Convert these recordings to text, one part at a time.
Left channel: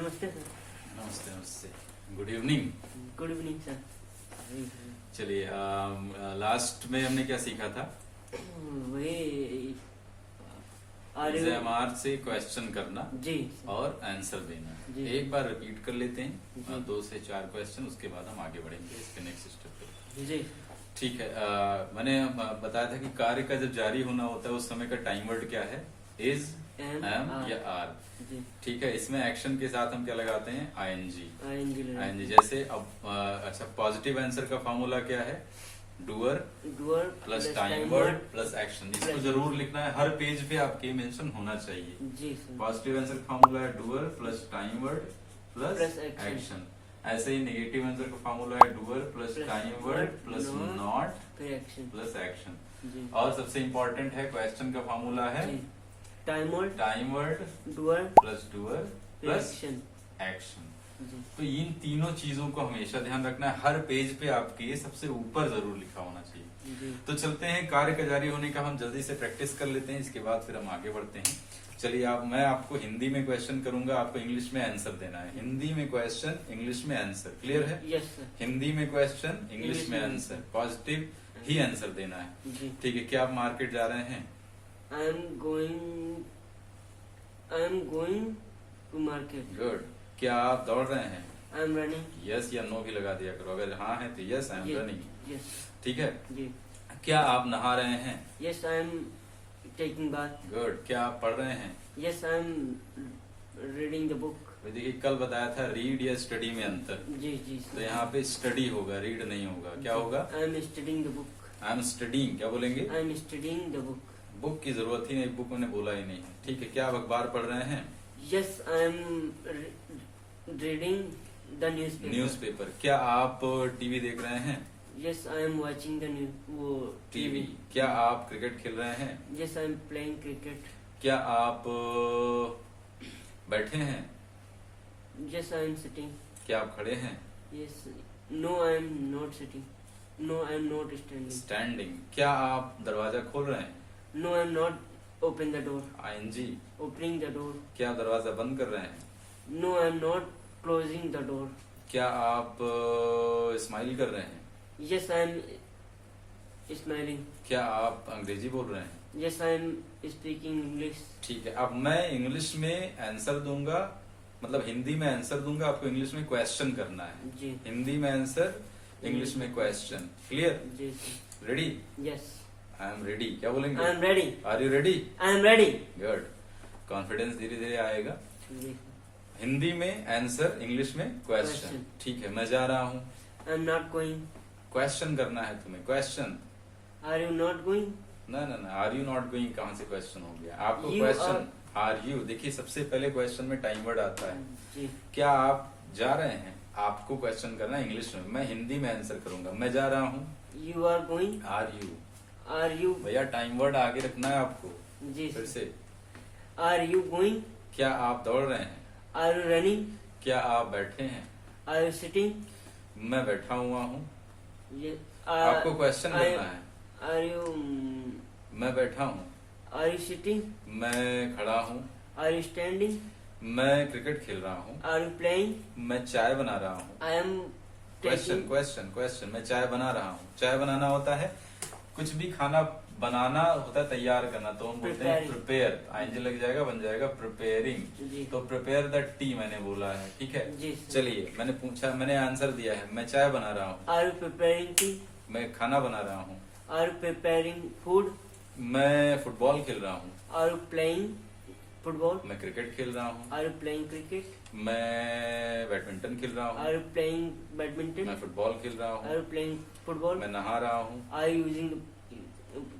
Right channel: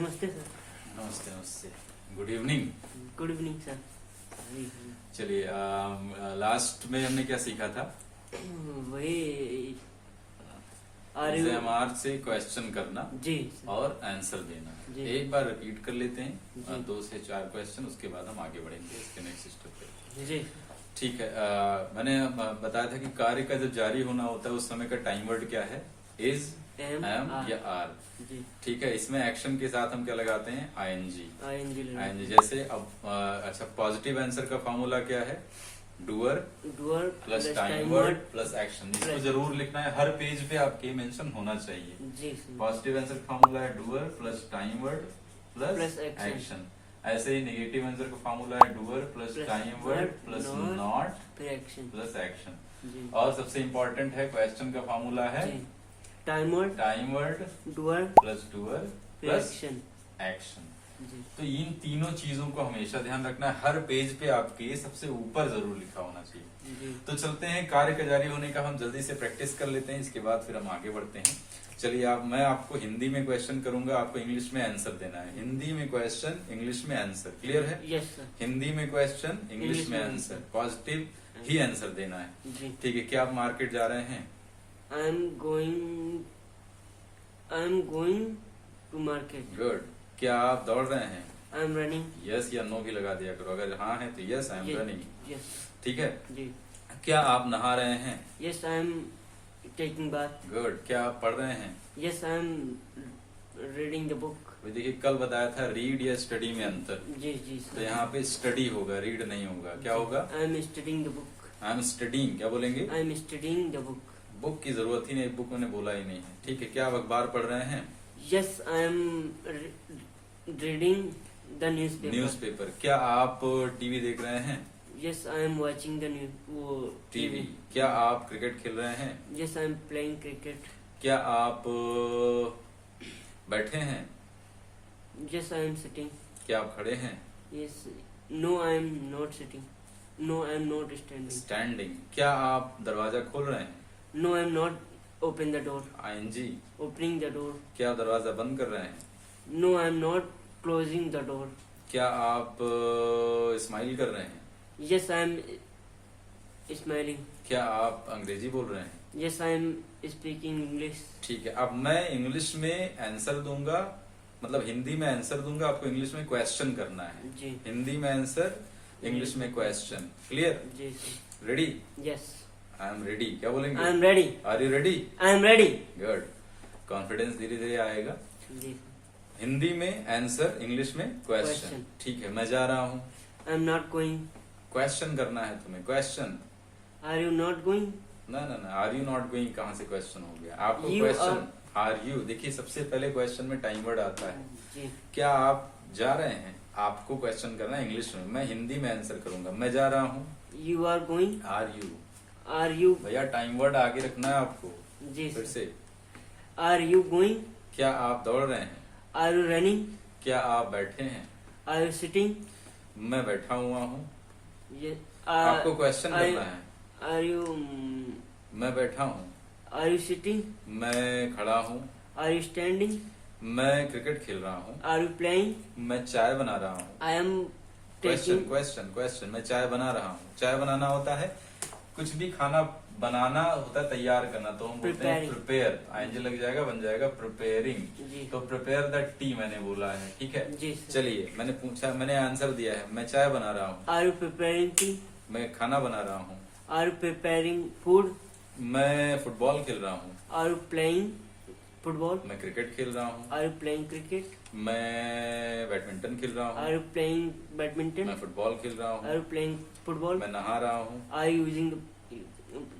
नमस्ते सर। नमस्ते नमस्ते। Good evening. Good evening sir. चलिए, लास्ट में हमने क्या सीखा था? वही एमआर से क्वेश्चन करना जी सर। और आंसर देना। जी। एक बार रिपीट कर लेते हैं, जी। 2 से 4 क्वेश्चन, उसके बाद हम आगे बढ़ेंगे इसके नेक्स्ट स्टेप पे। जी ठीक है। मैंने बताया था कि कार्य का जब जारी होना होता है उस समय का टाइम वर्ड क्या है? इज, एम या आर। जी। ठीक है। इसमें एक्शन के साथ हम क्या लगाते हैं? आईएनजी। आईएनजी जैसे अब अच्छा, पॉजिटिव आंसर का फॉर्मूला क्या है? Doer plus time word plus action. इसको जरूर लिखना है, हर पेज पे आपके मेंशन होना चाहिए। जी सर। पॉजिटिव आंसर का फॉर्मूला है doer plus time word plus action. ऐसे ही नेगेटिव आंसर का फॉर्मूला है doer plus time word plus not plus action. और सबसे इम्पोर्टेंट है क्वेश्चन का फॉर्मूला है time word doer plus action. तो इन तीनों चीजों को हमेशा ध्यान रखना है, हर पेज पे आपके सबसे ऊपर जरूर लिखा होना चाहिए। तो चलते हैं, कार्य का जारी होने का हम जल्दी से प्रैक्टिस कर लेते हैं, इसके बाद फिर हम आगे बढ़ते हैं। चलिए, मैं आपको हिंदी में क्वेश्चन करूंगा, आपको इंग्लिश में आंसर देना है। हिंदी में क्वेश्चन, इंग्लिश में आंसर। क्लियर है? Yes sir. हिंदी में क्वेश्चन, इंग्लिश में आंसर। पॉजिटिव ही आंसर देना है। ठीक है। क्या आप मार्केट जा रहे हैं? I am going to market. Good. क्या आप दौड़ रहे हैं? I am running. यस या नो भी लगा दिया करो, अगर हाँ है तो yes I am running. Yes. ठीक है। जी। क्या आप नहा रहे हैं? Yes I am taking bath. Good. क्या आप पढ़ रहे हैं? Yes I am reading the book. देखिए, कल बताया था रीड या स्टडी में अंतर। जी जी तो यहाँ पे स्टडी होगा, रीड नहीं होगा। क्या होगा? I am studying the book. I am studying. क्या बोलेंगे? I am studying the book. Book की जरूरत ही नहीं, बुक मैंने बोला ही नहीं है। ठीक है। क्या आप अखबार पढ़ रहे हैं? Yes I am reading the newspaper. क्या आप टीवी देख रहे हैं? Yes I am watching the TV. क्या आप क्रिकेट खेल रहे हैं? Yes I am playing cricket. क्या आप बैठे हैं? Yes I am sitting. क्या आप खड़े हैं? Yes no I am not sitting. No I am not standing. Standing. क्या आप दरवाजा खोल रहे हैं? No I am not open the door. ING. Opening the door. क्या आप दरवाजा बंद कर रहे हैं? No I am not closing the door. क्या आप स्माइल कर रहे हैं? Yes I am smiling. क्या आप अंग्रेजी बोल रहे हैं? Yes I am speaking English. ठीक है। अब मैं इंग्लिश में आंसर दूंगा, मतलब हिंदी में आंसर दूंगा, आपको इंग्लिश में क्वेश्चन करना है। जी। हिंदी में आंसर, इंग्लिश में क्वेश्चन। क्लियर? जी। Ready? Yes I am ready. क्या बोलेंगे? I am ready. Are you ready? I am ready. Good. Confidence धीरे धीरे आएगा। जी। हिंदी में आंसर, इंग्लिश में क्वेश्चन। Question. ठीक है। मैं जा रहा हूँ। I am not going. Question करना है तुम्हें, question. Are you not going. ना ना ना, आर यू नॉट गोइंग कहाँ से क्वेश्चन हो गया? आपको You क्वेश्चन आर यू। देखिए, सबसे पहले क्वेश्चन में टाइम वर्ड आता है। जी। क्या आप जा रहे हैं? आपको क्वेश्चन करना है इंग्लिश में, मैं हिंदी में आंसर करूंगा। मैं जा रहा हूँ। You are going. Are you. Are you. भैया, टाइम वर्ड आगे रखना है आपको। जी। फिर से। Are you going. क्या आप दौड़ रहे हैं? Are you running. क्या आप बैठे हैं? Are you sitting. मैं बैठा हुआ हूँ। आपको आपको क्वेश्चन करना है। आर यू मैं बैठा हूँ। Are you sitting. मैं खड़ा हूँ। Are you standing. मैं क्रिकेट खेल रहा हूँ। Are you playing. मैं चाय बना रहा हूँ। I am question question question. मैं चाय बना रहा हूँ। चाय बनाना होता है, कुछ भी खाना बनाना होता है तैयार करना, तो हम बोलते हैं प्रिपेयर। आईएनजी लग जाएगा, बन जाएगा प्रिपेयरिंग। तो प्रिपेयर द टी मैंने बोला है। ठीक है जी। चलिए, मैंने पूछा, मैंने आंसर दिया है। मैं चाय बना रहा हूँ। Are you preparing tea. मैं खाना बना रहा हूँ। Are you preparing food. मैं फुटबॉल खेल रहा हूँ। Are you playing football. मैं क्रिकेट खेल रहा हूँ। Are you playing cricket. मैं बैडमिंटन खेल रहा आर हूँ। You playing badminton. मैं फुटबॉल खेल रहा आर हूँ। You playing football. मैं नहा रहा हूँ। Are you using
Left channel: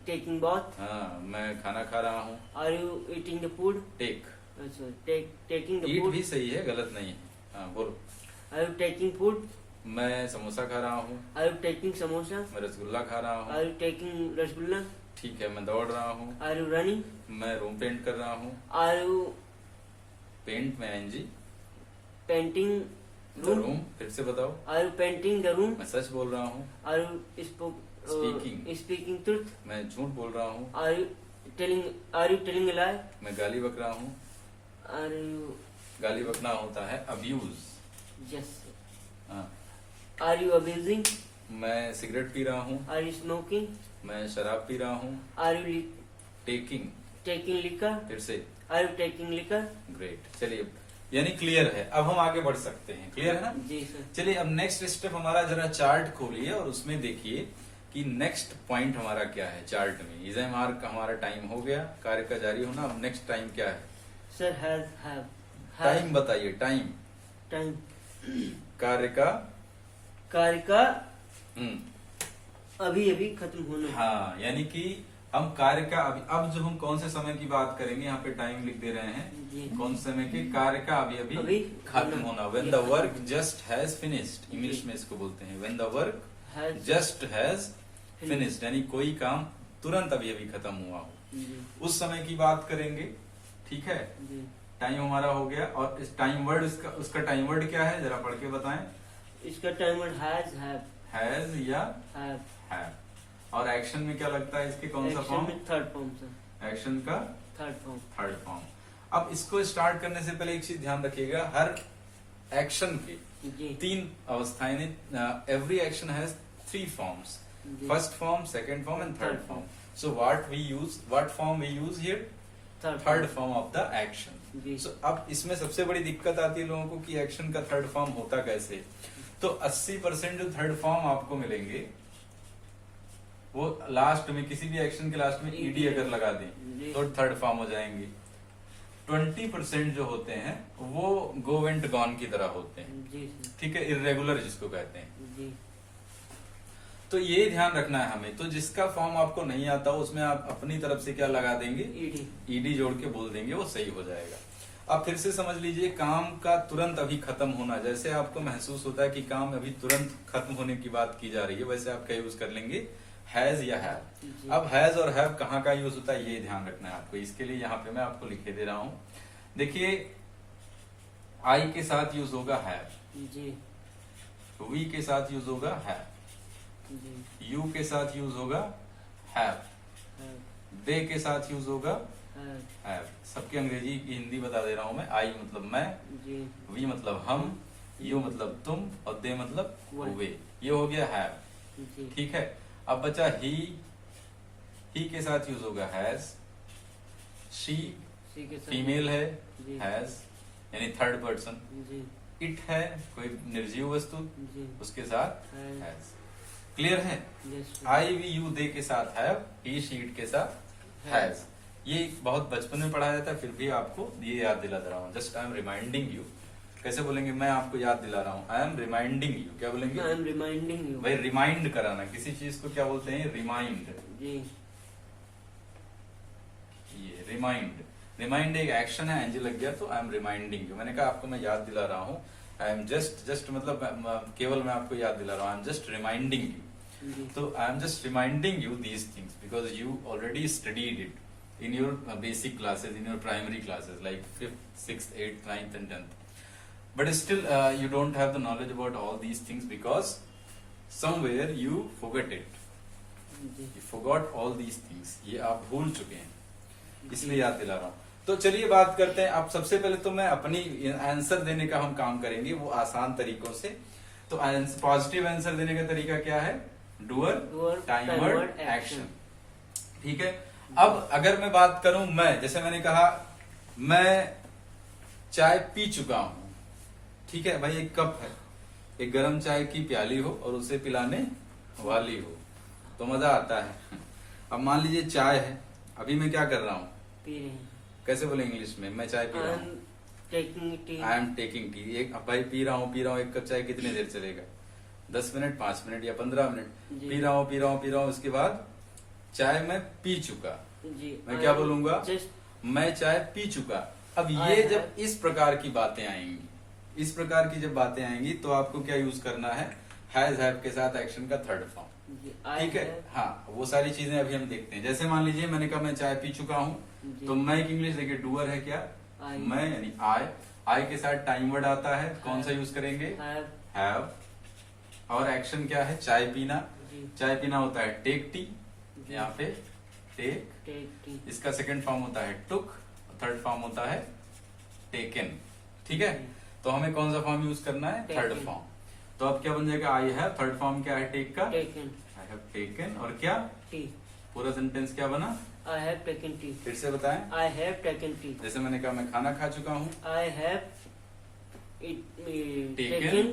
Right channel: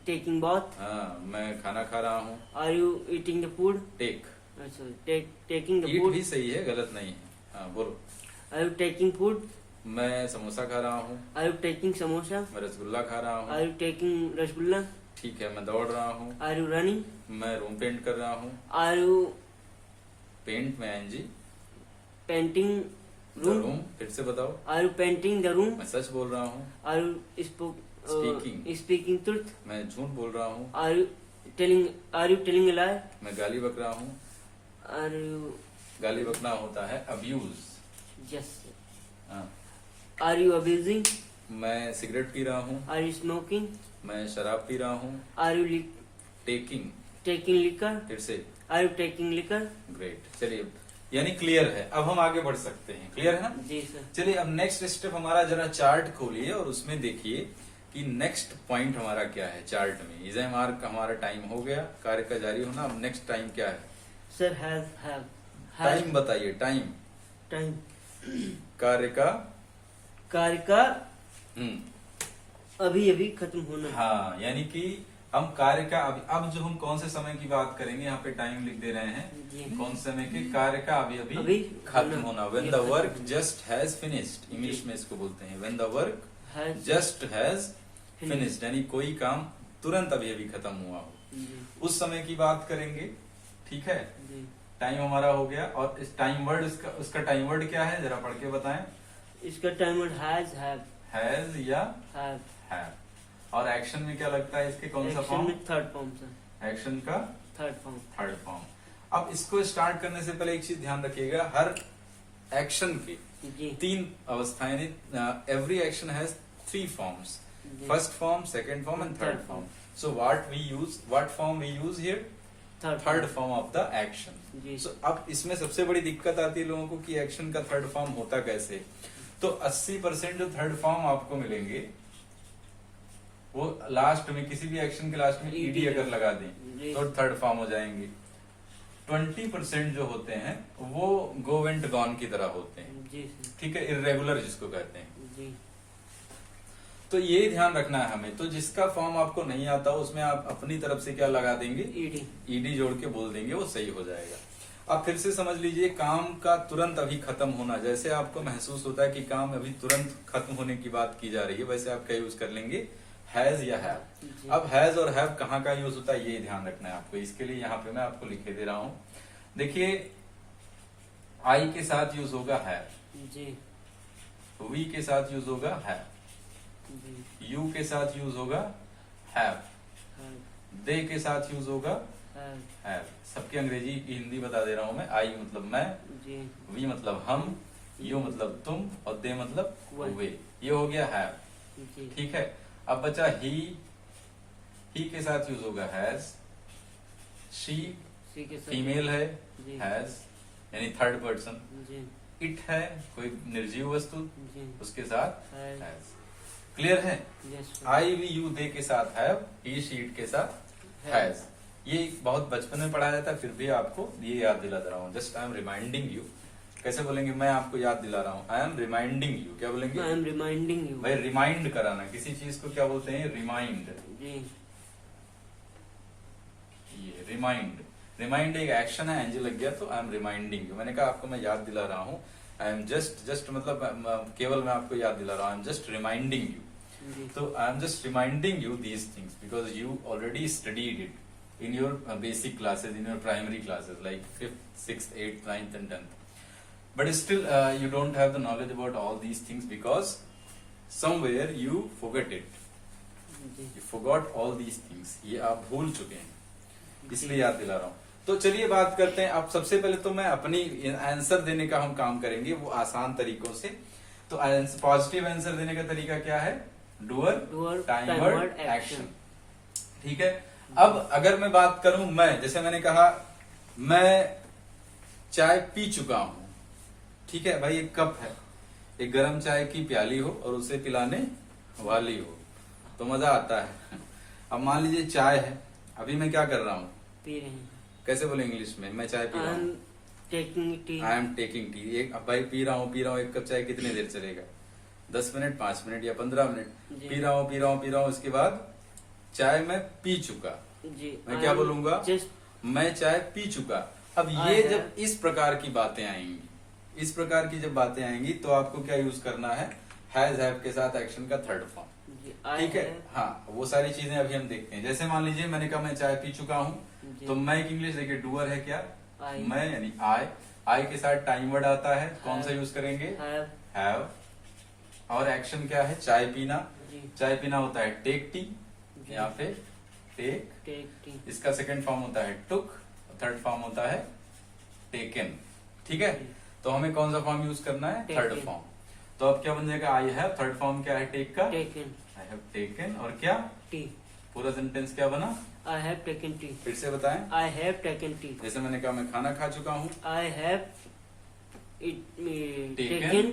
taking bath. हाँ, मैं खाना खा रहा हूँ। Are you eating the food. Take. Taking the eat food. भी सही है, गलत नहीं है। हाँ, बोलो। Are you taking food. मैं समोसा खा रहा हूँ। Are you taking samosa. मैं रसगुल्ला खा रहा आर हूँ। You taking rasgulla. ठीक है। मैं दौड़ रहा हूँ। Are you running. मैं रूम पेंट कर रहा हूँ। आर यू पेंट में आईएनजी। Painting the room. फिर से बताओ। Are you painting the room. मैं सच बोल रहा हूँ। Are you speaking truth. मैं झूठ बोल रहा हूँ। Are you telling a lie. मैं गाली बक रहा हूँ। आर यू गाली बकना होता है अब्यूज। यस। हाँ। Are you abusing? मैं सिगरेट पी रहा हूँ। Are you smoking? मैं शराब पी रहा हूँ। Are you taking. Taking liquor? फिर से। Are you taking liquor? Great. चलिए, यानी क्लियर है, अब हम आगे बढ़ सकते हैं। क्लियर है ना? जी सर। चलिए, अब नेक्स्ट स्टेप हमारा, जरा चार्ट खोलिए और उसमें देखिए कि नेक्स्ट पॉइंट हमारा क्या है चार्ट में। इज एम आर का हमारा टाइम हो गया, कार्य का जारी होना। अब नेक्स्ट टाइम क्या है सर? हैव। हैव। टाइम बताइए। टाइम टाइम कार्य का। कार्य का हम्म। अभी अभी खत्म होना। हाँ, यानी कि हम कार्य का अभी, अब जो हम कौन से समय की बात करेंगे, यहाँ पे टाइम लिख दे रहे हैं। जी। कौन से समय के? कार्य का अभी अभी अभी खत्म होना। व्हेन द खत्म वर्क होना। जस्ट हैज फिनिश्ड, इंग्लिश जी। में इसको बोलते हैं when the work Has just has finished, यानी कोई काम तुरंत अभी अभी खत्म हुआ हो, जी। उस समय की बात करेंगे। ठीक है, जी। टाइम हमारा हो गया। और इस टाइम वर्ड, उसका टाइम वर्ड क्या है, जरा पढ़ के बताएं। इसका time word has, have. Has या हैव। हैव। और एक्शन में क्या लगता है इसके, कौन सा एक्शन फॉर्म? में थर्ड फॉर्म सर। एक्शन का थर्ड फॉर्म। Third form. अब इसको स्टार्ट करने से पहले एक चीज ध्यान रखिएगा, हर एक्शन की जी। 3 अवस्थाएं, एवरी एक्शन हैज 3 फॉर्म्स, जी। First form, second form and third form. So what form we use here? Third form of the action. जी। सो अब इसमें सबसे बड़ी दिक्कत आती है लोगों को कि एक्शन का थर्ड फॉर्म होता कैसे। तो 80% जो थर्ड फॉर्म आपको मिलेंगे वो लास्ट में, किसी भी एक्शन के लास्ट में ईडी अगर लगा दें जी। तो थर्ड फॉर्म हो जाएंगे। 20% जो होते हैं वो गो वेंट गॉन की तरह होते हैं। जी सर। ठीक है, इरेगुलर जिसको कहते हैं। जी। तो ये ध्यान रखना है हमें। तो जिसका फॉर्म आपको नहीं आता उसमें आप अपनी तरफ से क्या लगा देंगे? ईडी। ईडी जोड़ के बोल देंगे, वो सही हो जाएगा। अब फिर से समझ लीजिए, काम का तुरंत अभी खत्म होना, जैसे आपको महसूस होता है कि काम अभी तुरंत खत्म होने की बात की जा रही है, वैसे आप क्या यूज कर लेंगे? हैज या हैव। जी। अब हैज और हैव कहाँ का यूज होता है ये ध्यान रखना है आपको। इसके लिए यहाँ पे मैं आपको लिखे दे रहा हूं। देखिए, आई के साथ यूज होगा हैव, जी। वी के साथ यूज होगा हैव, जी। यू के साथ यूज होगा हैव, हैव। दे के साथ यूज होगा हैव। हैव। सबकी अंग्रेजी की हिंदी बता दे रहा हूं मैं। आई मतलब मैं, जी। वी मतलब हम, यू मतलब तुम और दे मतलब वह। वे। ये हो गया हैव। जी। ठीक है, अब बचा ही के साथ यूज होगा हैज, शी सी के साथ। फीमेल है, जी। हैज यानी थर्ड पर्सन, जी। इट है कोई निर्जीव वस्तु, जी। उसके साथ हैव। हैज। क्लियर है? Yes sir. I we you they के साथ हैव, ही शी इट के साथ हैज। ये बहुत बचपन में पढ़ाया जाता है, फिर भी आपको ये याद दिला दे रहा हूँ। Just I am reminding you. कैसे बोलेंगे? मैं आपको याद दिला रहा हूँ। I M reminding you. क्या बोलेंगे? I M reminding you. भाई रिमाइंड कराना, किसी चीज को क्या बोलते हैं? रिमाइंड। जी। ये रिमाइंड, रिमाइंड एक एक्शन है, एनजी लग गया तो आई एम रिमाइंडिंग यू। मैंने कहा आपको मैं याद दिला रहा हूँ। आई एम जस्ट मतलब केवल मैं आपको याद दिला रहा हूँ। I am just reminding you. जी। तो I am just reminding you these things because you already studied it in your basic classes, in your primary classes like 5th, 6th, 8th, 9th and 10th. But still you don't have the knowledge about all these things because somewhere you forget it. जी। You forgot all these things. ये आप भूल चुके हैं, इसलिए याद दिला रहा हूँ। तो चलिए बात करते हैं। अब सबसे पहले तो मैं अपनी आंसर देने का हम काम करेंगे वो आसान तरीकों से। तो पॉजिटिव आंसर देने का तरीका क्या है? Doer, time word, action. ठीक है, अब अगर मैं बात करूं, मैं, जैसे मैंने कहा मैं चाय पी चुका हूं। ठीक है भाई, एक कप है, एक गर्म चाय की प्याली हो और उसे पिलाने वाली हो तो मजा आता है। अब मान लीजिए चाय है, अभी मैं क्या कर रहा हूं? पी रहे हैं। कैसे बोले इंग्लिश में? मैं चाय पी रहा हूं। Taking tea. I am taking tea. एक अब भाई पी रहा हूँ। एक कप चाय कितनी देर चलेगा? 10 मिनट, 5 मिनट या 15 मिनट। जी। पी रहा हूँ। इसके बाद चाय मैं पी चुका। जी। मैं क्या बोलूंगा? जस्ट मैं चाय पी चुका। अब ये I जब इस प्रकार की बातें आएंगी, इस प्रकार की जब बातें आएंगी तो आपको क्या यूज करना है? हैज, हैव के साथ एक्शन का थर्ड फॉर्म। ठीक है, हाँ, वो सारी चीजें अभी हम देखते हैं। जैसे मान लीजिए मैंने कहा मैं चाय पी चुका हूँ, तो मैं एक इंग्लिश देखिए, डूअर है क्या? I। मैं यानी आई के साथ टाइम वर्ड आता है, कौन सा यूज करेंगे? हैव। और एक्शन क्या है? चाय पीना। जी। चाय पीना होता है टेक टी, यहाँ पे टेक। Take tea. इसका सेकंड फॉर्म होता है टुक, थर्ड फॉर्म होता है टेकन। ठीक है, तो हमें कौन सा फॉर्म यूज करना है? Third Taken. फॉर्म। तो अब क्या बन जाएगा? आई हैव, थर्ड फॉर्म क्या है टेक का? Taken. आई हैव टेकन, और क्या Tea. पूरा सेंटेंस क्या बना? I have taken tea. फिर से बताएं। I have taken tea. जैसे मैंने कहा मैं खाना खा चुका हूँ। I have Taken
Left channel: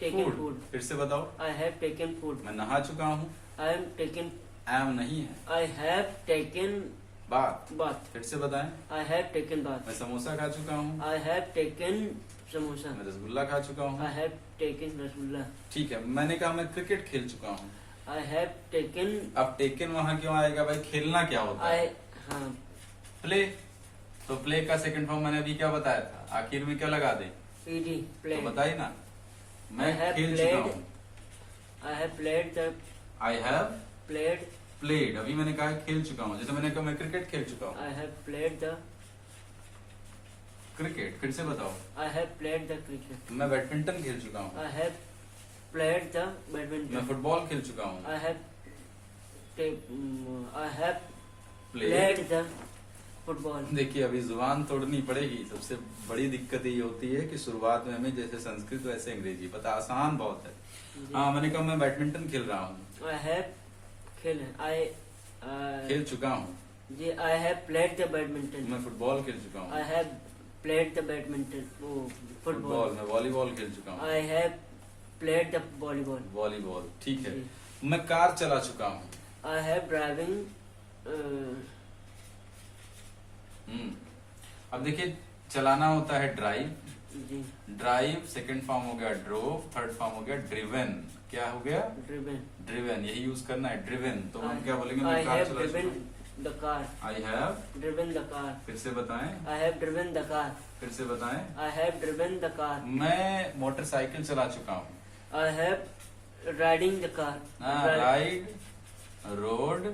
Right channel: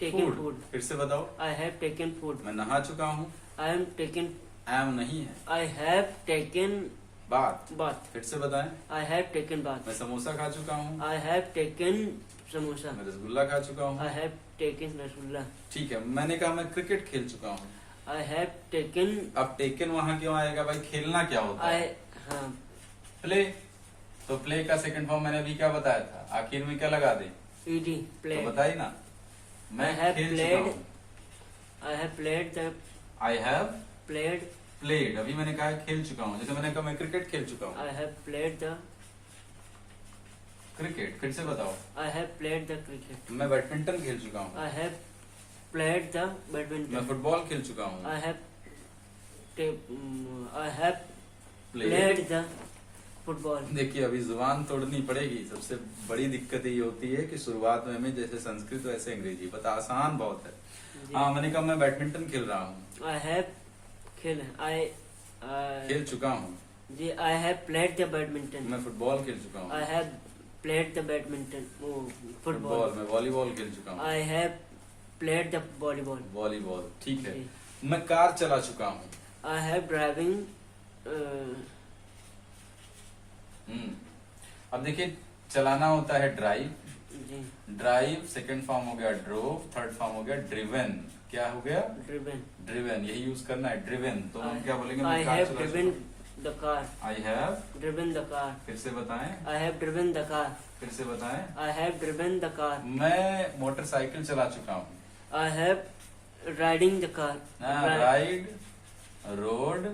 taken food. फिर से बताओ। I have taken food. मैं नहा चुका हूँ। I am taken. एम नहीं है, I have taken बात। bath. फिर से बताएं। I have taken bath. मैं समोसा खा चुका हूँ। I have taken samosa. मैं रसगुल्ला खा चुका हूँ। I have taken rasgulla. ठीक है, मैंने कहा मैं क्रिकेट खेल चुका हूँ। I have taken. अब टेकन वहां क्यों आएगा भाई? खेलना क्या होता है? हाँ, प्ले। तो प्ले का सेकंड फॉर्म मैंने अभी क्या बताया था? आखिर में क्या लगा दे? ED. तो Played. बताइए ना। मैं I have खेल चुका played. हूँ। I have played the I have played. Played, अभी मैंने कहा खेल चुका हूँ। जैसे मैंने कहा मैं क्रिकेट खेल चुका हूँ। I have played the. Cricket, फिर से बताओ। I have played the cricket. मैं बैडमिंटन खेल चुका हूँ। I have played the मैं badminton. फुटबॉल खेल चुका हूँ। I have. I have played. played the football. देखिए अभी जुबान तोड़नी पड़ेगी। सबसे बड़ी दिक्कत ये होती है कि शुरुआत में हमें जैसे संस्कृत वैसे अंग्रेजी पता, आसान बहुत है। हाँ, मैंने कहा मैं बैडमिंटन खेल रहा हूँ। I have खेल चुका हूँ। I have played the badminton. मैं फुटबॉल खेल चुका हूँ। I have played the badminton. Oh, football, football. मैं वॉलीबॉल खेल चुका हूँ। I have played the volleyball. Volleyball, ठीक है। जी। मैं कार चला चुका हूँ। I have driving. अब देखिए चलाना होता है ड्राइव। जी, ड्राइव सेकंड फॉर्म हो गया ड्रोव, थर्ड फॉर्म हो गया ड्रिवन। क्या हो गया? driven. ड्रिवन, यही यूज करना है ड्रिवन। तो हम क्या बोलेंगे? I मैं कार have चला driven चुका the car. हूँ। I have, Driven the car. फिर से बताएं। I have driven the car. फिर से बताएं। I have driven the car. मैं मोटरसाइकिल चला चुका हूँ। I have riding the car. Ride, road,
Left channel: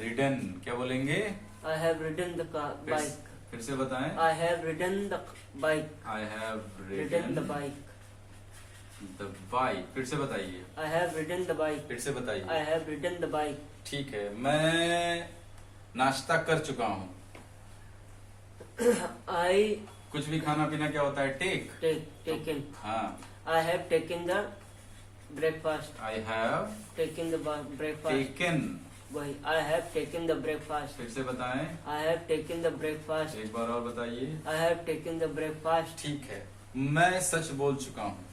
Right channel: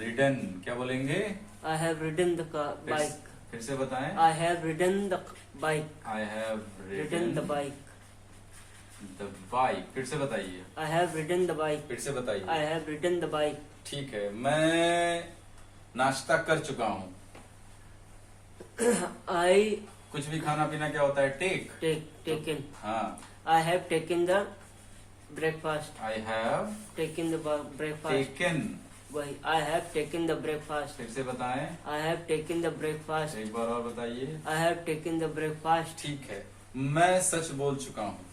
ridden. क्या बोलेंगे? I have ridden the car. Bike. फिर से बताएं। I have ridden the bike. I have Ridden the bike. The bike. फिर से बताइए। I have ridden the bike. फिर से I बताइए। have ridden the bike. ठीक है, मैं नाश्ता कर चुका हूँ। I कुछ भी खाना पीना क्या होता है? टेक। taken. हाँ, I have taken the breakfast. I have Taken the breakfast. Taken. वही I have taken the breakfast. फिर से बताएं। I have taken the breakfast. एक बार और बताइए। I have taken the breakfast. ठीक है, मैं सच बोल चुका हूँ।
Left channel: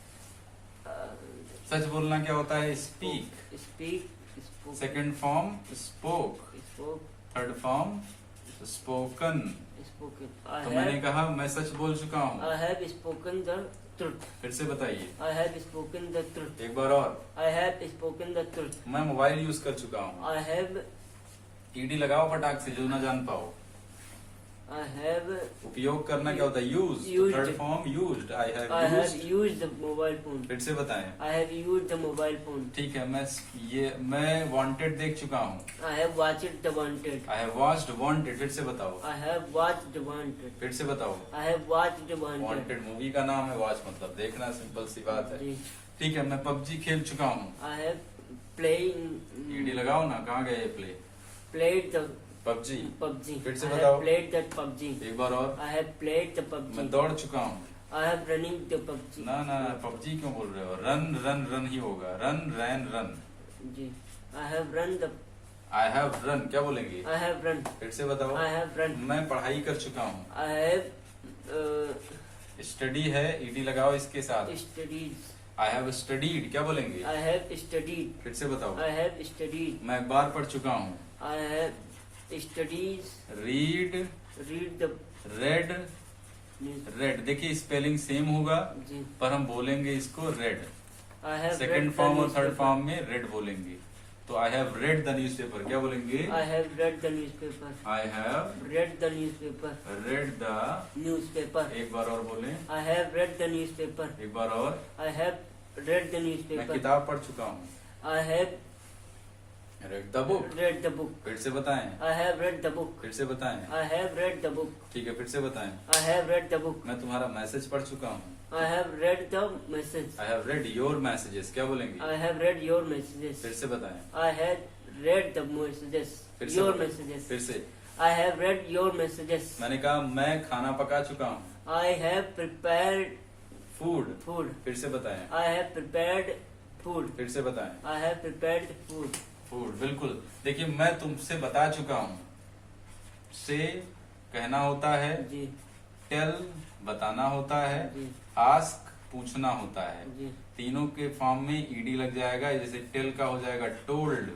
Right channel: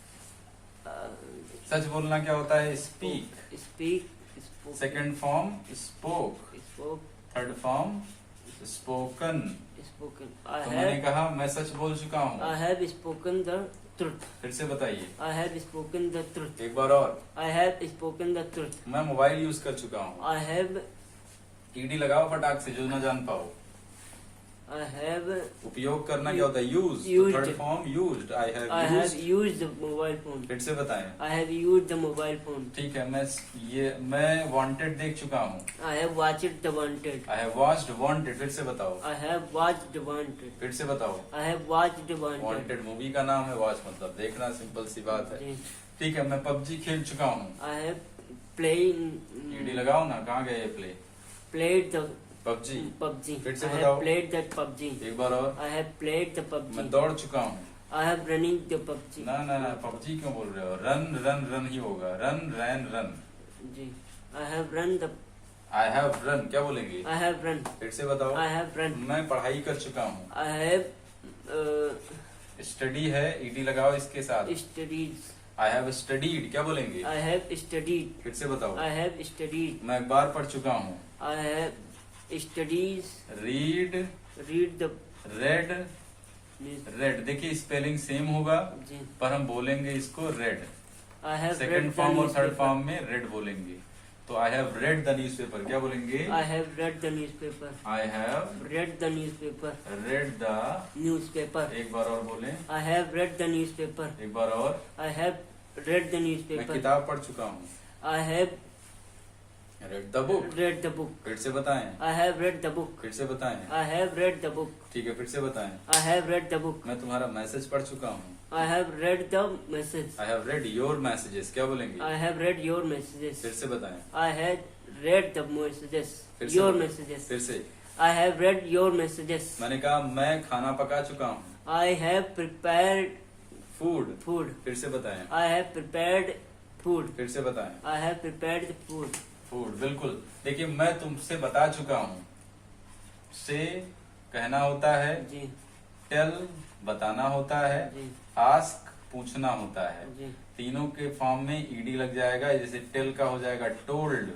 सच बोलना क्या होता है? Speak. Speak. Spoke. Second form spoke, Spoke. Third form spoken. Spoken. तो मैंने कहा मैं सच बोल चुका I हूँ। have spoken the truth. फिर से बताइए I have spoken the truth. एक बार और। I have spoken the truth. मैं मोबाइल यूज कर चुका हूँ। I have. ईडी लगाओ फटाक से जो ना जान पाओ। I have. उपयोग करना क्या होता है? Use. Used. Third form used. I have I have used. used the mobile phone. फिर से बताएं। I have used the mobile phone. ठीक है, मैं वांटेड देख चुका हूँ। I have watched the wanted. I have watched wanted. फिर से बताओ। I have watched the wanted. फिर से बताओ। I have watched the wanted. Wanted movie का नाम है, वॉच मतलब देखना, सिंपल सी बात है। जी। ठीक है, मैं पबजी खेल चुका हूँ। I have playing. ईडी लगाओ ना, कहाँ गए ये play? Played the PUBG. PUBG. फिर से I बताओ। have played that PUBG. एक बार और। I have played the PUBG. मैं दौड़ चुका हूँ। I have running the PUBG. ना ना ना, पबजी क्यों बोल रहे हो? रन रन रन ही होगा। Run ran run. जी। I have run the. I have run क्या बोलेंगे? I have run. फिर से बताओ। I have run. मैं पढ़ाई कर चुका हूँ। I have स्टडी है, ईडी लगाओ इसके साथ। studied. आई हैव स्टडीड क्या बोलेंगे? I have studied. फिर से बताओ। I have studied. मैं अखबार पढ़ चुका हूँ। I have studies. Read, Read the red, news. Red. देखिए स्पेलिंग सेम होगा जी। पर हम बोलेंगे इसको red. I have second read the form और थर्ड newspaper. फॉर्म में रेड बोलेंगे। तो I have read the newspaper क्या बोलेंगे? I have read the newspaper. I have Read the newspaper. Read the. Newspaper. एक बार और बोलें। I have read the newspaper. एक बार और। I have read the मैं newspaper. किताब पढ़ चुका हूँ। I have read the book. read the book. फिर से बताएं। I have read the book. फिर से बताएं। I have read the book. ठीक है, फिर से बताएं। I have read the book. मैं तुम्हारा मैसेज पढ़ चुका हूँ। I have read the message. I have read your messages क्या बोलेंगे? I have read your messages. फिर से बताएं। I had read the messages. फिर से Your बताएं। messages. फिर से। I have read your messages. मैंने कहा मैं खाना पका चुका हूँ। I have prepared food, food. फिर से बताएं, I have prepared food. फिर से बताएं, I have prepared food. Food. बिल्कुल। देखिए मैं तुमसे बता चुका हूँ, से कहना होता है, जी टेल बताना होता है, जी आस्क पूछना होता है। जी तीनों के फॉर्म में ईडी लग जाएगा, जैसे टेल का हो जाएगा टोल्ड,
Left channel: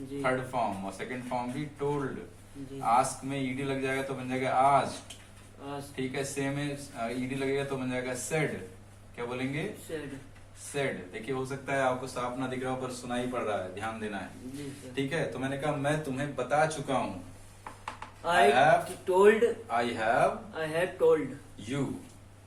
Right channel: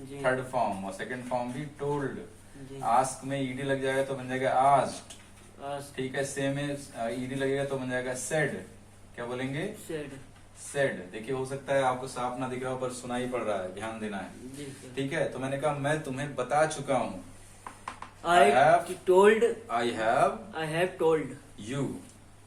जी थर्ड फॉर्म, और सेकंड फॉर्म भी टोल्ड। जी आस्क में ईडी लग जाएगा तो बन जाएगा आस्क्ड, asked, ठीक है। से में ईडी लगेगा तो बन जाएगा सेड। क्या बोलेंगे? said. सेड। देखिए हो सकता है आपको साफ ना दिख रहा हो पर सुनाई पड़ रहा है, ध्यान देना है, जी sir. ठीक है। तो मैंने कहा मैं तुम्हें बता चुका हूँ, I have- told. I have I have told. You.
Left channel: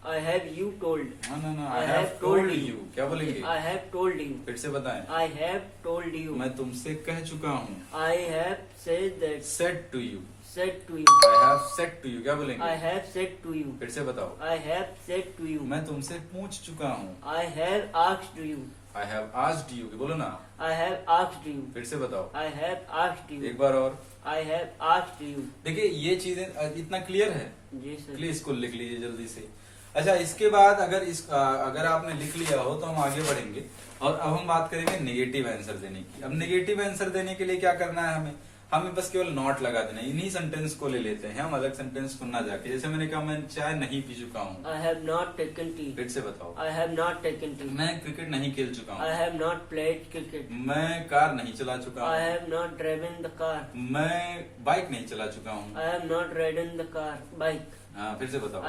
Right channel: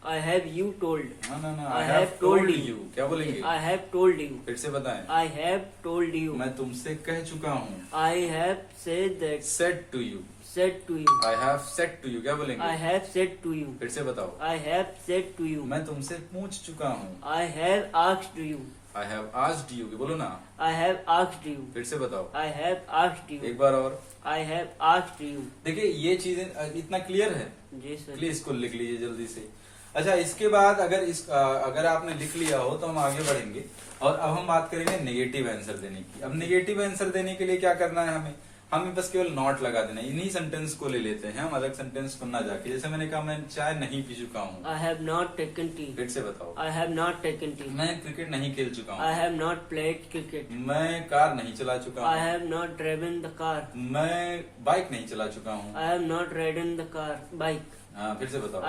I have you told. ना I I have have told told you. क्या बोलेंगे? I have told you. फिर से बताएं, I have told you. मैं तुमसे कह चुका हूँ, I have said that. Said to you. Said to you. I have said to you. क्या बोलेंगे? I have said to you. फिर से बताओ, I have said to you. मैं तुमसे पूछ चुका हूँ, I have asked you. I have asked you. बोलो ना, I have asked you. फिर से बताओ I have asked you. एक बार और। I have asked you. देखिए ये चीजें इतना क्लियर है, जी सर. प्लीज इसको लिख लीजिए जल्दी से। अच्छा, इसके बाद अगर आपने लिख लिया हो तो हम आगे बढ़ेंगे और अब हम बात करेंगे नेगेटिव आंसर देने की। अब नेगेटिव आंसर देने के लिए क्या करना है, हमें बस केवल नॉट लगा देना है। इन्हीं सेंटेंस को ले लेते हैं हम, अलग सेंटेंस को ना जाके। जैसे मैंने कहा मैं चाय नहीं पी चुका हूँ, I have not taken tea. फिर से बताओ। I have not taken tea. मैं क्रिकेट नहीं खेल चुका I हूँ, have not played cricket. मैं कार नहीं चला चुका I हूँ, have not driven the car. मैं बाइक नहीं चला चुका हूँ। I have not ridden the car bike. हाँ, फिर से बताओ।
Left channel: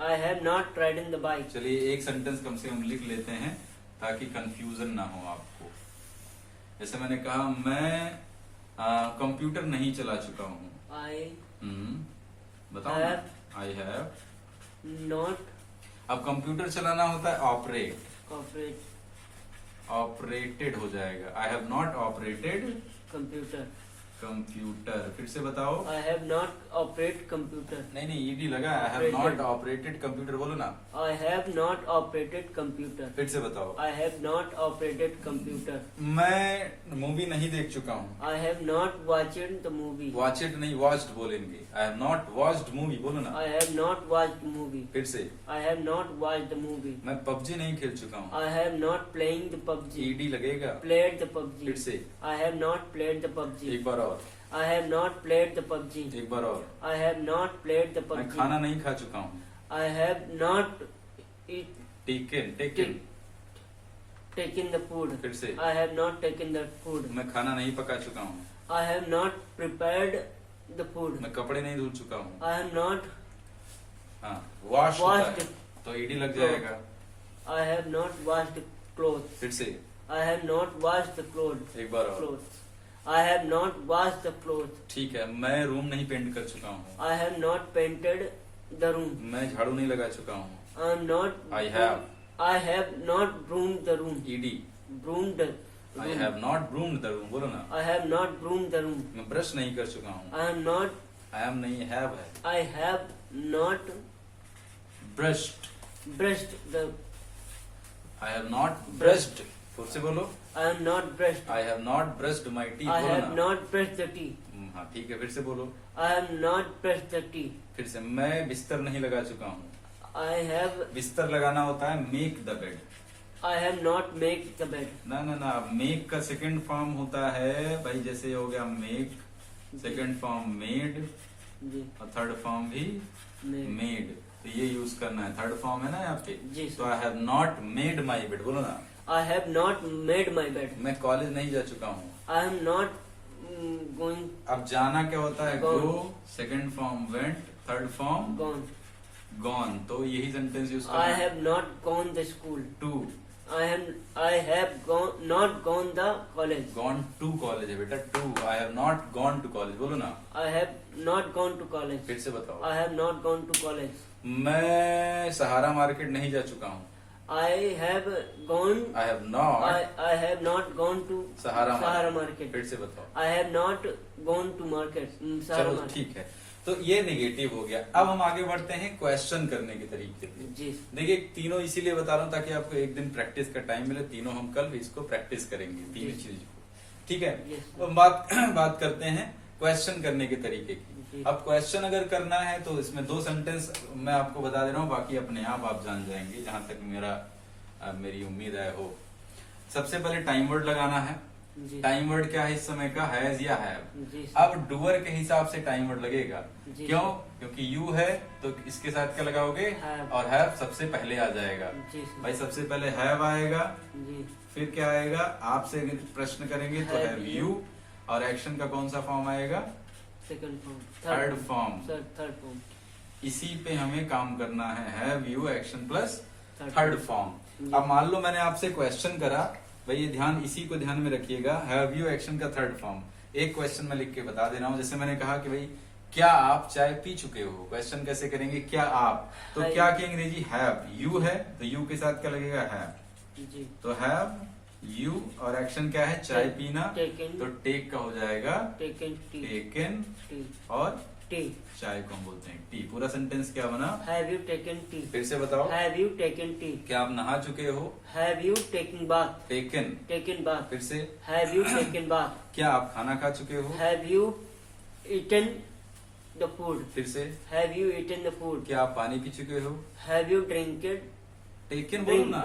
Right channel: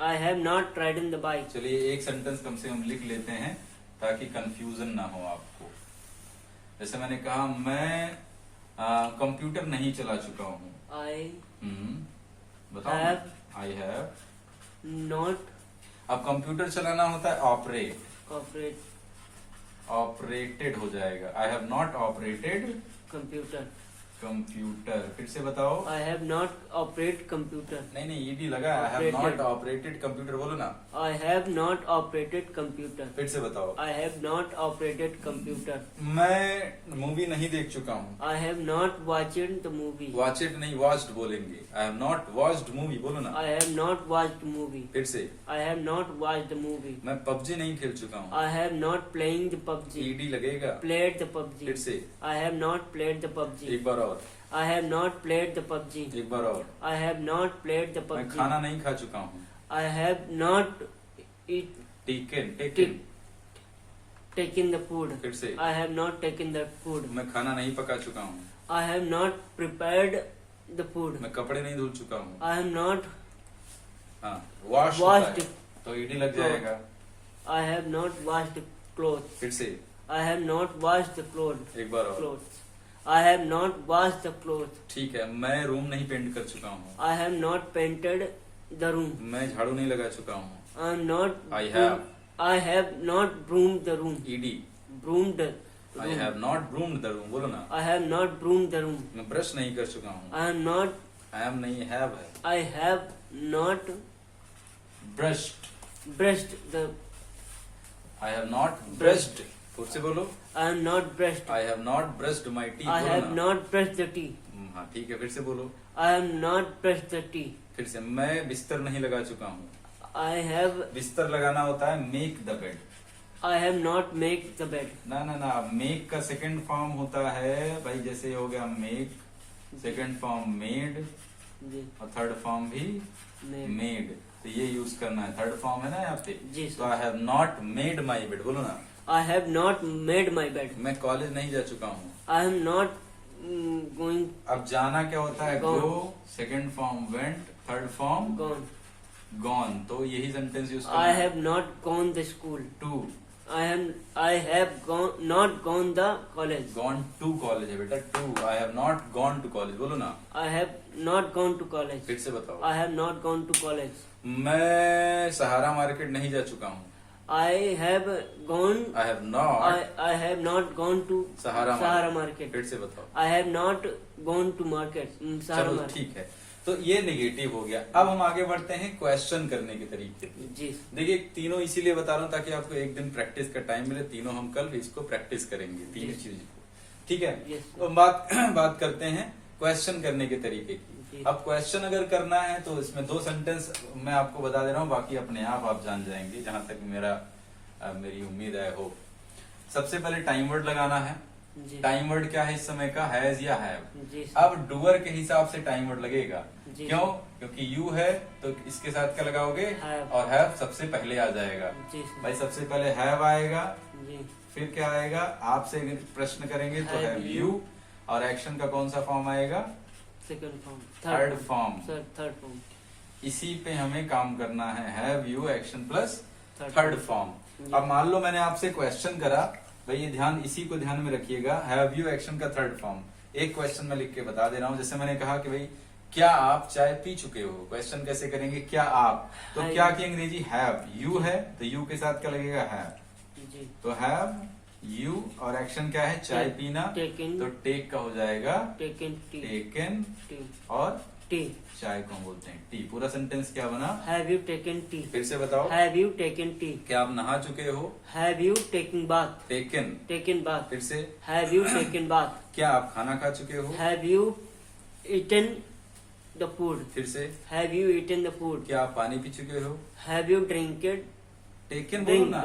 I have not ridden the bike. चलिए एक सेंटेंस कम से कम लिख लेते हैं ताकि कंफ्यूजन ना हो आपको। जैसे मैंने कहा मैं कंप्यूटर नहीं चला चुका हूँ। I बताओ ना। Have- I have. not अब कंप्यूटर चलाना होता है ऑपरेट, operate ऑपरेटेड हो जाएगा। आई have not operated computer. Computer. फिर से बताओ। I have not operate computer. नहीं ईडी लगा। आई have not Operated. Operated computer. बोलो ना, I have not operated computer. फिर से बताओ। I have not operated computer. मैं मूवी नहीं देख चुका हूँ। I have not watched the movie. Watch it नहीं, वॉच्ड बोलेंगे। आई हैव नॉट वॉच्ड मूवी। बोलो ना, I have not watched movie. फिर से। I have not watched the movie. मैं पबजी नहीं खेल चुका हूँ। I have not playing the PUBG. ED लगेगा। Played the PUBG. फिर से I have not played the PUBG. एक बार और, I have not played the PUBG. एक बार और। I have not played the मैं PUBG. खाना नहीं खा चुका हूँ। I have not eat, taken, taken. taken the food. फिर से। I have not taken the food. मैं खाना नहीं पका चुका हूँ। I have not prepared the food. मैं कपड़े नहीं धुल चुका हूँ। I am not हाँ, वॉश Washed. तो ईडी लग जाएगा। I have not washed clothes. फिर से I have not washed the clothes. एक बार और। Clothes. I have not washed the clothes. ठीक है, मैं रूम नहीं पेंट कर चुका हूँ। I have not painted the room. मैं झाड़ू नहीं लगा चुका हूँ। I am not. I have. I have not broomed the room. ED. Broomed. the I room. Have not broomed the room. बोलो ना, I have not broomed the room. मैं brush नहीं कर चुका हूँ। I am not. I am नहीं, have है। I have not brushed. brushed the. I have not brushed. फिर से बोलो। I am not brushed. I have not brushed my teeth. I बोलो have ना। not brushed the tea. हाँ ठीक है, फिर से बोलो। I am not brushed the tea. फिर से, मैं बिस्तर नहीं लगा चुका हूँ। I have. बिस्तर लगाना होता है make the bed. I have not made the bed. ना ना ना, मेक का सेकंड फॉर्म होता है भाई, जैसे हो गया मेक, सेकंड फॉर्म मेड, जी. और थर्ड फॉर्म भी Made. मेड। तो ये यूज करना है, थर्ड फॉर्म है ना यहाँ पे। जी, तो sir. I have not made my bed. बोलो ना, I have not made my bed. मैं कॉलेज नहीं जा चुका हूँ। I am not going. अब जाना क्या होता है, Gone. Go, second form went, third form Gone. Gone. तो यही सेंटेंस यूज I करना है। have not gone the school. To, I have not gone the college. Gone to college है बेटा, to. I have not gone to college. बोलो ना, I have not gone to college. फिर से बताओ। I have not gone to college. मैं सहारा market नहीं जा चुका हूँ। I have gone. I have not I have not gone to Sahara market. फिर से बताओ। I have not gone to market. Sahara चलो market. ठीक है, तो ये नेगेटिव हो गया। अब हम आगे बढ़ते हैं क्वेश्चन करने के तरीके पे। जी. देखिए तीनों इसीलिए बता रहा हूँ ताकि आपको एक दिन प्रैक्टिस का टाइम मिले। तीनों हम कल इसको प्रैक्टिस करेंगे, तीनों जी. चीज को। ठीक है, Yes, तो बात करते हैं क्वेश्चन करने के तरीके की। जी। अब क्वेश्चन अगर करना है तो इसमें 2 सेंटेंस मैं आपको बता दे रहा हूँ, बाकी अपने आप जान जाएंगे, जहां तक मेरी उम्मीद है हो। सबसे पहले टाइम वर्ड लगाना है। जी। टाइम वर्ड क्या है इस समय का, हैज या हैव। जी सर। अब डूअर के हिसाब से टाइम वर्ड लगेगा। जी। क्यों? क्योंकि यू है तो इसके साथ क्या लगाओगे, Have। और हैव सबसे पहले आ जाएगा। जी सर। भाई सबसे पहले हैव आएगा, जी। फिर क्या आएगा, आपसे अगर प्रश्न करेंगे तो Have हैव you। यू, और एक्शन का कौन सा फॉर्म आएगा, second form. Third form. Sir third form. इसी पे हमें काम करना है, have you action plus Third third form। Form. अब मान लो मैंने आपसे क्वेश्चन करा, भाई ये ध्यान, इसी को ध्यान में रखिएगा, हैव यू एक्शन का थर्ड फॉर्म। एक क्वेश्चन में लिख के बता दे रहा हूं, जैसे मैंने कहा कि भाई क्या आप चाय पी चुके हो। क्वेश्चन कैसे करेंगे, क्या आप, तो Have। क्या की अंग्रेजी हैव, यू है तो यू के साथ क्या लगेगा, हैव। जी। तो हैव यू, और एक्शन क्या है, चाय पीना, टेकन। तो टेक का हो जाएगा टेकन टी। Taken, T. और टी। चाय को हम बोलते हैं टी। पूरा सेंटेंस क्या बना, हैव यू टेकन टी। फिर से बताओ। Have you taken T. क्या आप नहा चुके हो, have you taken bath. Taken. Taken bath. फिर से, हैव यू टेकन बाथ। क्या आप खाना खा चुके हो, have you eaten the food. फिर से, have you eaten the food. क्या आप पानी पी चुके हो, हैव यू ड्रिंकेड। टेकन बोलो ना,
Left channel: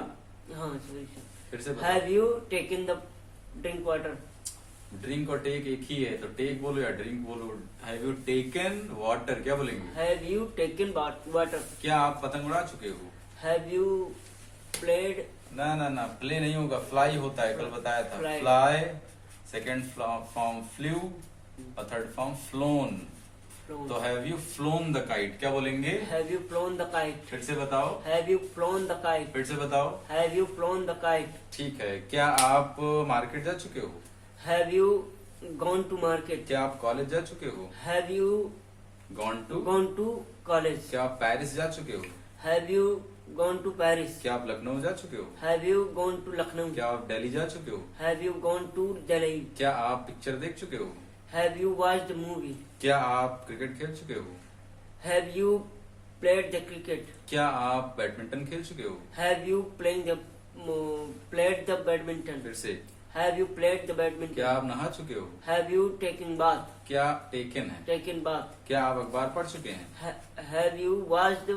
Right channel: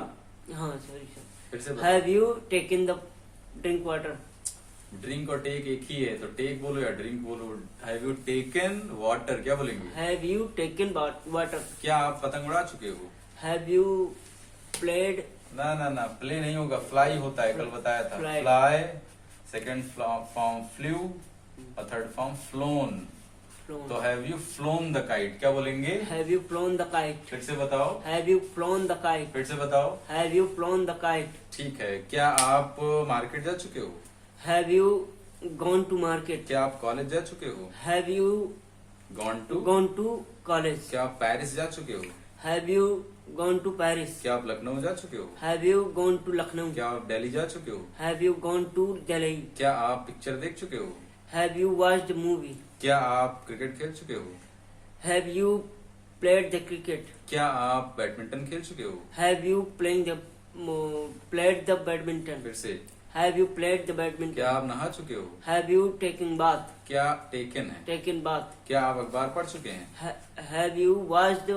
हाँ सॉरी सर। फिर से have you taken the drink water. Drink और टेक एक ही है, तो टेक बोलो या ड्रिंक बोलो। हैव यू टेकन वाटर, क्या बोलेंगे, हैव यू टेकन वाटर। क्या आप पतंग उड़ा चुके हो, हैव यू प्लेड। ना ना ना, प्ले नहीं होगा, फ्लाई होता है, कल बताया था। Fly। Fly, second form flew, और थर्ड फॉर्म फ्लोन। तो have you flown the kite, क्या बोलेंगे, have you flown the kite. फिर से बताओ, have you flown the kite. फिर से बताओ। Have you flown the kite. ठीक है। क्या आप मार्केट जा चुके हो, have you gone to market. क्या आप कॉलेज जा चुके हो, have you gone to. Gone to college. क्या आप पेरिस जा चुके हो, have you gone to Paris. क्या आप लखनऊ जा चुके हो, have you gone to Lucknow. क्या आप दिल्ली जा चुके हो, have you gone to Delhi. क्या आप पिक्चर देख चुके हो, हैव यू वॉच्ड मूवी। क्या आप क्रिकेट खेल चुके हो, have you played the cricket. क्या आप बैडमिंटन खेल चुके हो, have you played the badminton. फिर से, have you played the badminton. क्या आप नहा चुके हो, हैव यू टेकन बाथ। क्या टेकन है, टेकन बाथ। क्या आप अखबार पढ़ चुके हैं, हैव यू वॉच्ड।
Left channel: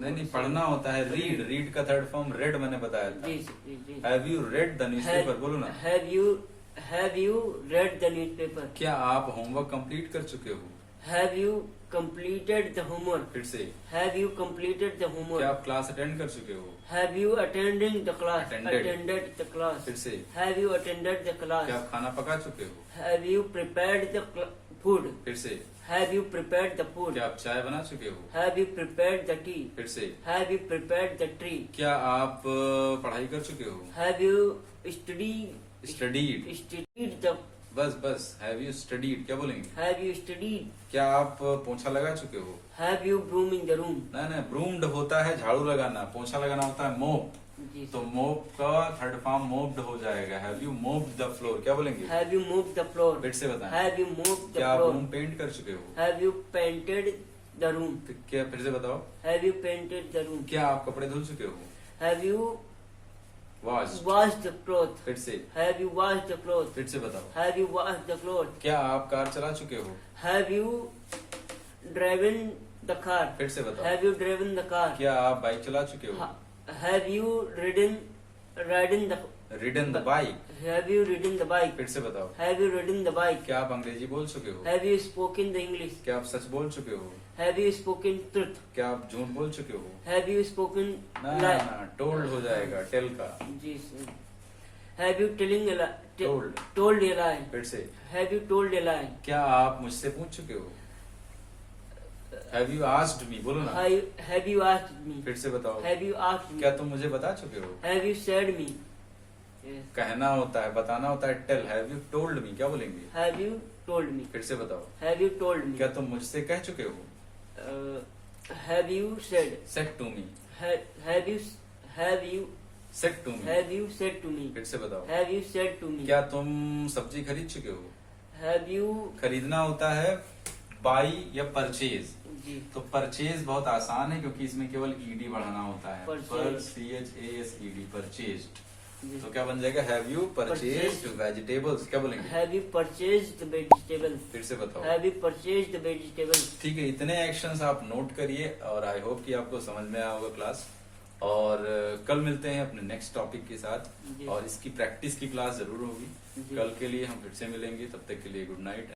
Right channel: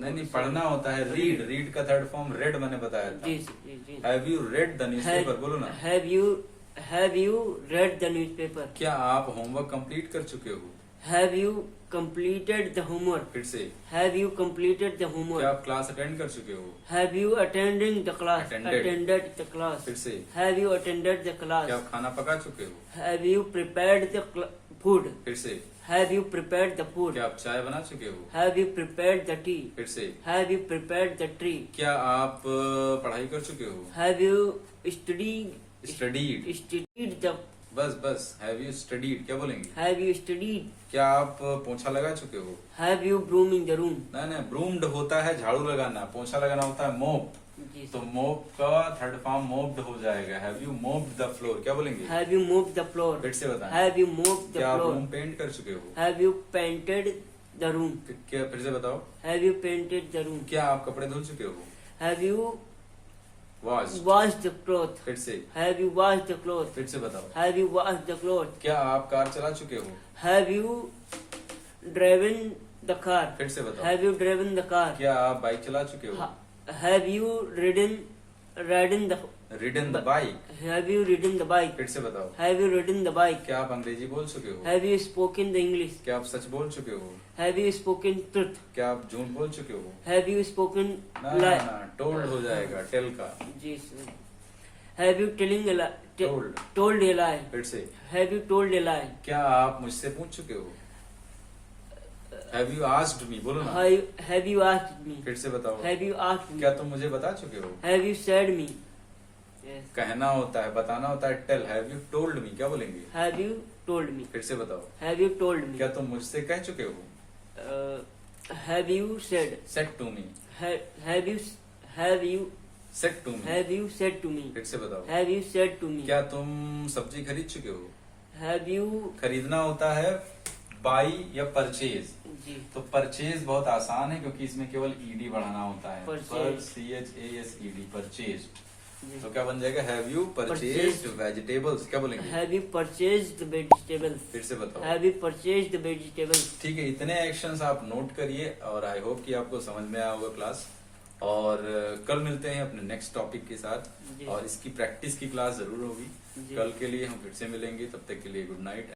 नहीं पढ़ना होता है, रीड। रीड का थर्ड फॉर्म रेड मैंने बताया था। जी। Have you read the newspaper, बोलो ना। Have you read the newspaper. क्या आप होमवर्क कंप्लीट कर चुके हो, have you completed the homework. फिर से, हैव यू कंप्लीटेड द क्या होमवर्क। आप क्लास अटेंड कर चुके हो, have you attending the class. Attended। Attended the class. फिर से, हैव यू अटेंडेड द क्या क्लास। आप खाना पका चुके हो, have you prepared the food. फिर से, have you prepared the food. क्या आप चाय बना चुके हो, have you prepared the T. फिर से, have you prepared the tree. क्या आप पढ़ाई कर चुके हो, हैव यू स्टडीड द। बस हैव यू स्टडीड, क्या बोलेंगे, हैव यू स्टडीड। क्या आप पोछा लगा चुके हो, have you brooming the room. ना ब्रूम्ड होता है झाड़ू लगाना, पोछा लगाना होता है मोप। जी। तो मोप का थर्ड फॉर्म मोप्ड हो जाएगा। हैव यू मोप्ड द फ्लोर, क्या बोलेंगे, have you moved the floor. फिर से बताएं। हैव यू मूव्ड द क्या आप फ्लोर। रूम पेंट कर चुके हो, have you painted the room. फिर से बताओ। Have you painted the room. क्या आप कपड़े धुल चुके हो, have you wash, washed the cloth. फिर से, have you washed the cloth. फिर से बताओ। Have you washed the cloth. क्या आप कार चला चुके हो, have you driven the car. फिर से बताओ। Have you driven the car. क्या आप बाइक चला चुके हो, have you ridden the ridden the bike, Have you ridden the bike? फिर से बताओ। Have you ridden the bike? क्या आप अंग्रेजी बोल चुके हो, Have you spoken the English? क्या आप सच बोल चुके हो, Have you spoken truth? क्या आप झूठ बोल चुके हो, Have you spoken ना lie? ना टोल्ड हो जाएगा, टेल का, जी sir. Have you telling a lie? Told. Told a lie. फिर से। Have you told a lie? क्या आप मुझसे पूछ चुके हो, हैव यू आस्क्ड मी, बोलो ना, Have you asked me? फिर से बताओ। Have you asked me? क्या तुम मुझे बता चुके हो, Have you said me? Yes. कहना होता है, बताना होता है, tell. Have you told me, क्या बोलेंगे, Have you told me? फिर से बताओ। Have you told me? क्या तुम मुझसे कह चुके हो, Have you said? Said to me, Have you said to me, have you said to me? फिर से बताओ। Have you said to me? क्या तुम सब्जी खरीद चुके हो, Have you? खरीदना होता है बाई या परचेज। जी तो परचेज बहुत आसान है क्योंकि इसमें केवल ईडी बढ़ाना होता है, पर Purchase। CHASED, purchased. जी। तो क्या बन जाएगा? Have you purchased Purchased। Vegetables? क्या बोलेंगे? Have you purchased vegetable? फिर से बताओ। Have you purchased vegetable? ठीक है, इतने एक्शंस आप नोट करिए और आई होप कि आपको समझ में आया होगा क्लास। और कल मिलते हैं अपने नेक्स्ट टॉपिक के साथ, जी। और इसकी प्रैक्टिस की क्लास जरूर होगी। जी। कल के लिए हम फिर से मिलेंगे, तब तक के लिए गुड नाइट।